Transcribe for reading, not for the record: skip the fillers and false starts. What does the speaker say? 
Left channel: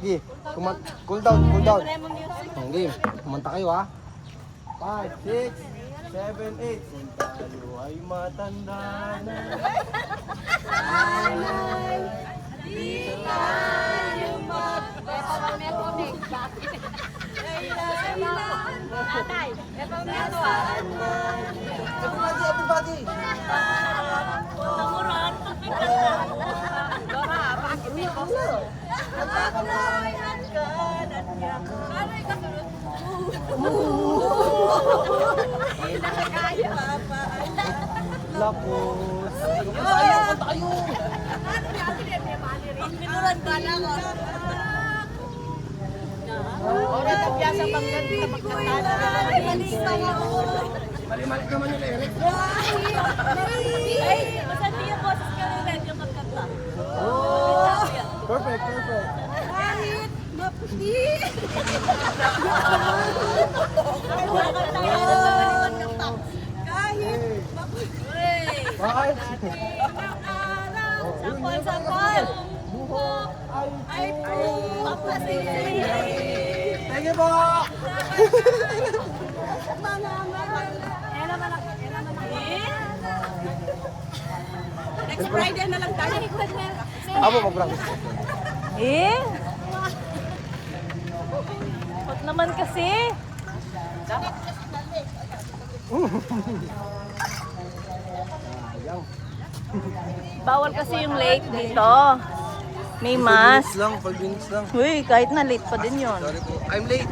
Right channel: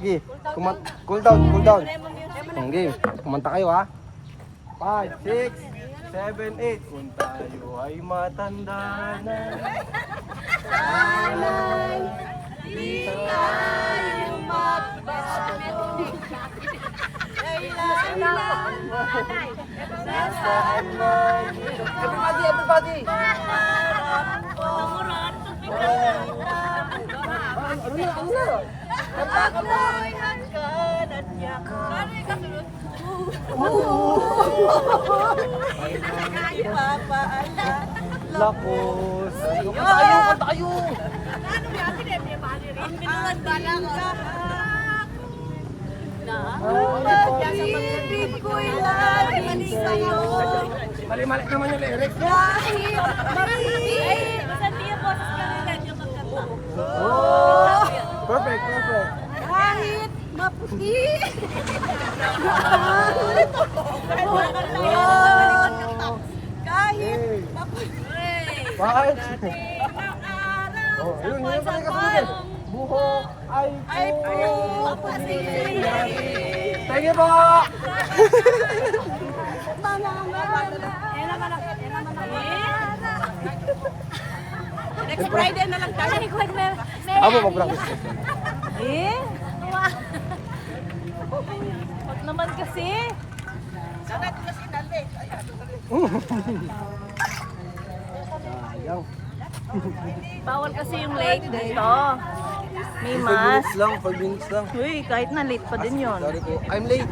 Sige, cool down, cool down. Game, kumanta kayo ha. 5, 6, 7, 8. Kung tayo ay matanda na. Sana'y di tayo magbago. Kailangan nasaan man. Everybody, everybody. Pangarap ko. Ako'y hanggan at yakan. Ipapaalala ko sa'yo. Ano yan? Minuran bala ko. Pag-ibig ko'y laging sa'yo. Mali-mali naman yung lyrics. Kahit mahirap. Basta di yung boses ka rin rin yung magkanta. Perfect, perfect. Kahit maputi. Kahit maputi. Five. Ng araw, sapal-sapal. Buhok Ay puputi. Thank you po. Next Friday na lang tayo. Ano mo, bro? Wag naman kasi. Bawal kasi yung late dito. May mask. Lang, 4 minutes lang. Uy, kahit na late pa din yon. I'm late.